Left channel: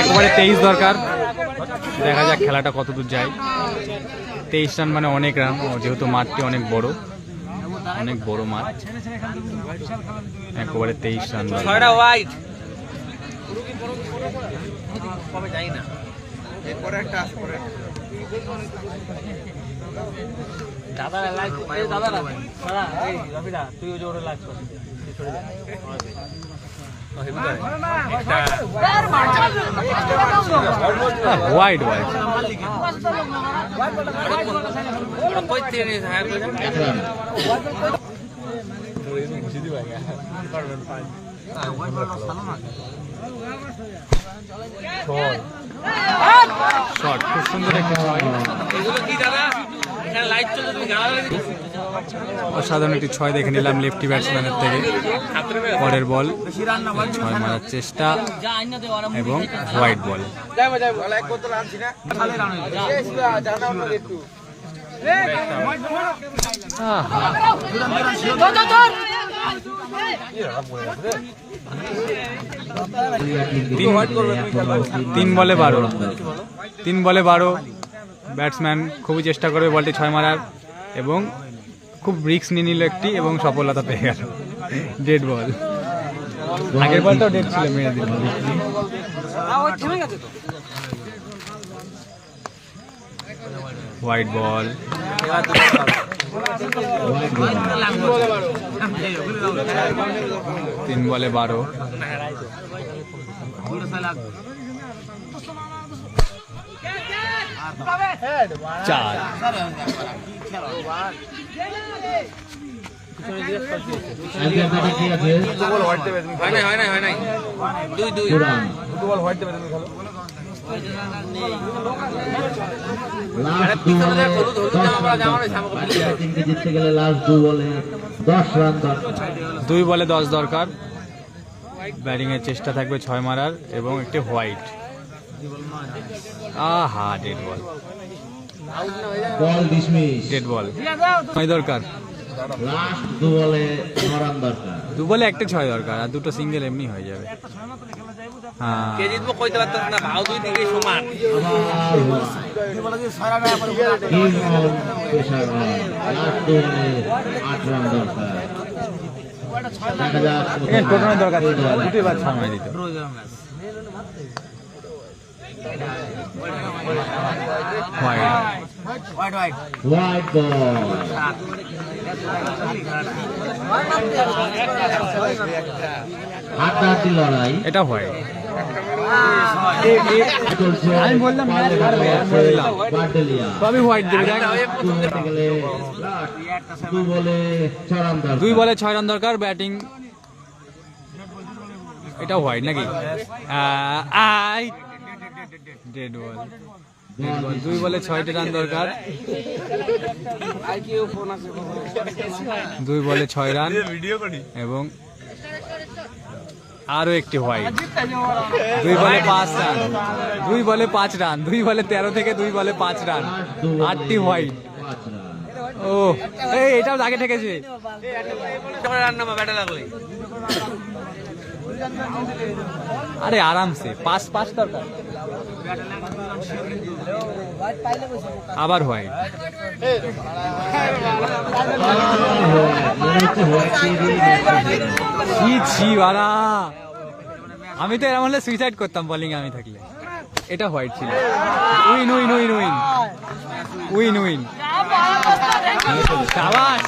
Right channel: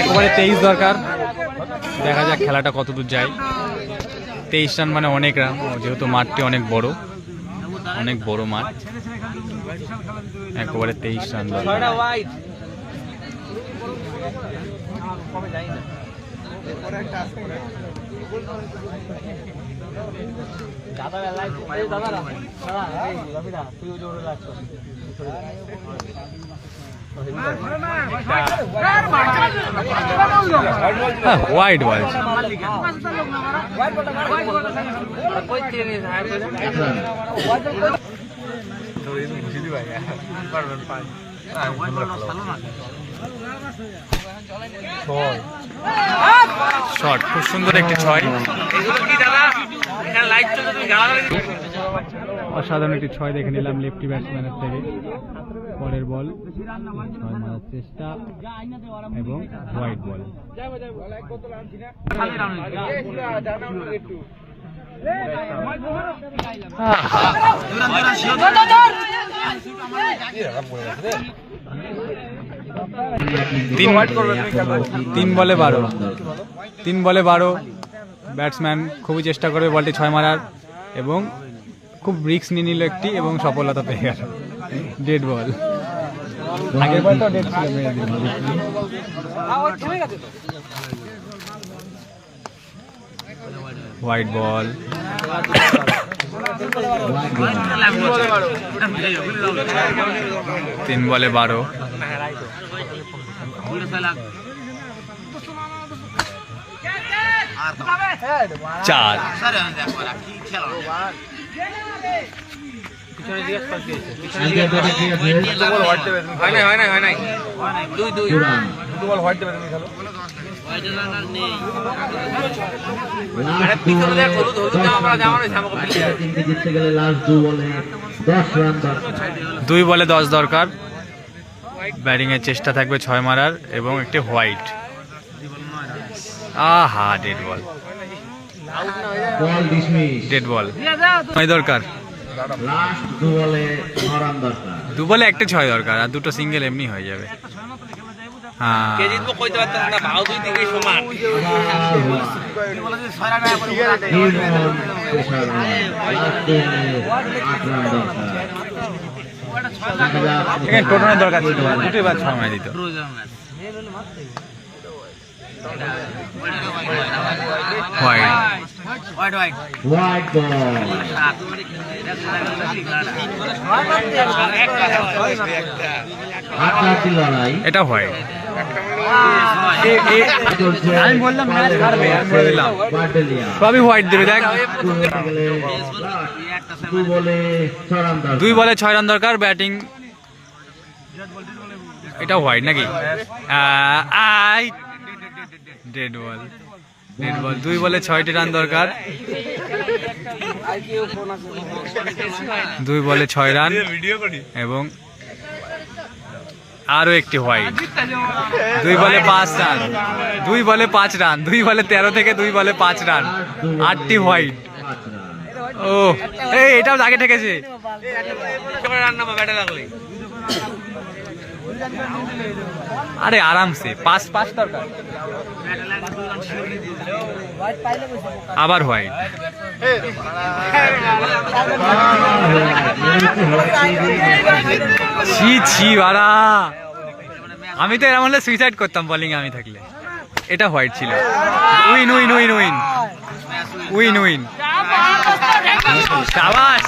একবারে 23 দরকার, দেখা যাক খেলাটা কত দূর যায়। 23 রান মানে অনেক রান, যেহেতু মাঠটি অনেক বড় মাঠ। একবারে 23 রান দরকার। হোয়াইট বল, শট, খুব সুন্দর একটি 6। অসাধারণ একটি 6 দেখে নিলাম লেফটি ব্যাটসম্যানের থেকে। পরের বল 6 মারার চেষ্টা এবং হোয়াইট বল। তিন বলে 12 ব্যাটসম্যান খুবই চেষ্টা করবে বলটি 6 মারার, এবং খুব রিস্ক নিয়ে নিল একটি এবং সফলতা পেয়ে গেল। ডেড বল, আগের বলটাও ডেড ছিল, মেরে দিল। হোয়াইট বল, 3 বলে 12। চার, দুই বলে 10 দরকার। ব্যাটিং এর চেষ্টা থাকবে 6 মারার এবং একটি হোয়াইট। আহা, ডেড বল, ডেড বল। 9 দরকার, 2 বলে একটা 6 দরকার, আর দুটো সিঙ্গেল এমনি হয়ে যাবে। হ্যাঁ, টোটালের দরকার ছিল, দুটোই বার 6 মারা দিত। হোয়াইট, এটা হোয়াইট। আমি বললাম ম্যাচ হারবে, আমি বলে দিলাম সবই হোয়াইট দেবে। দেখ, 2 বলে 6 রান দরকার। ব্যাটিং, এটা হোয়াইট নাকি? ডেড বল, 2 বলে 6টি রান দরকার। 2 বলে 6 রান এবং আরো একটি হোয়াইট। 2 বলে 5 রান, 2 বলে 5 রান, 2 বলে 13 থেকে 2 বলে 5 রান, 8টি হোয়াইট। ও, এটাও আগে ঠেকেছে। আরে আরামসে 5 দরকার। আবার হোয়াইট। আমি তো এরকম হলে সুইসাইড করতাম বোলিং আমি থাকলে। এটা হোয়াইট ছিল। উইন, শাবাশ।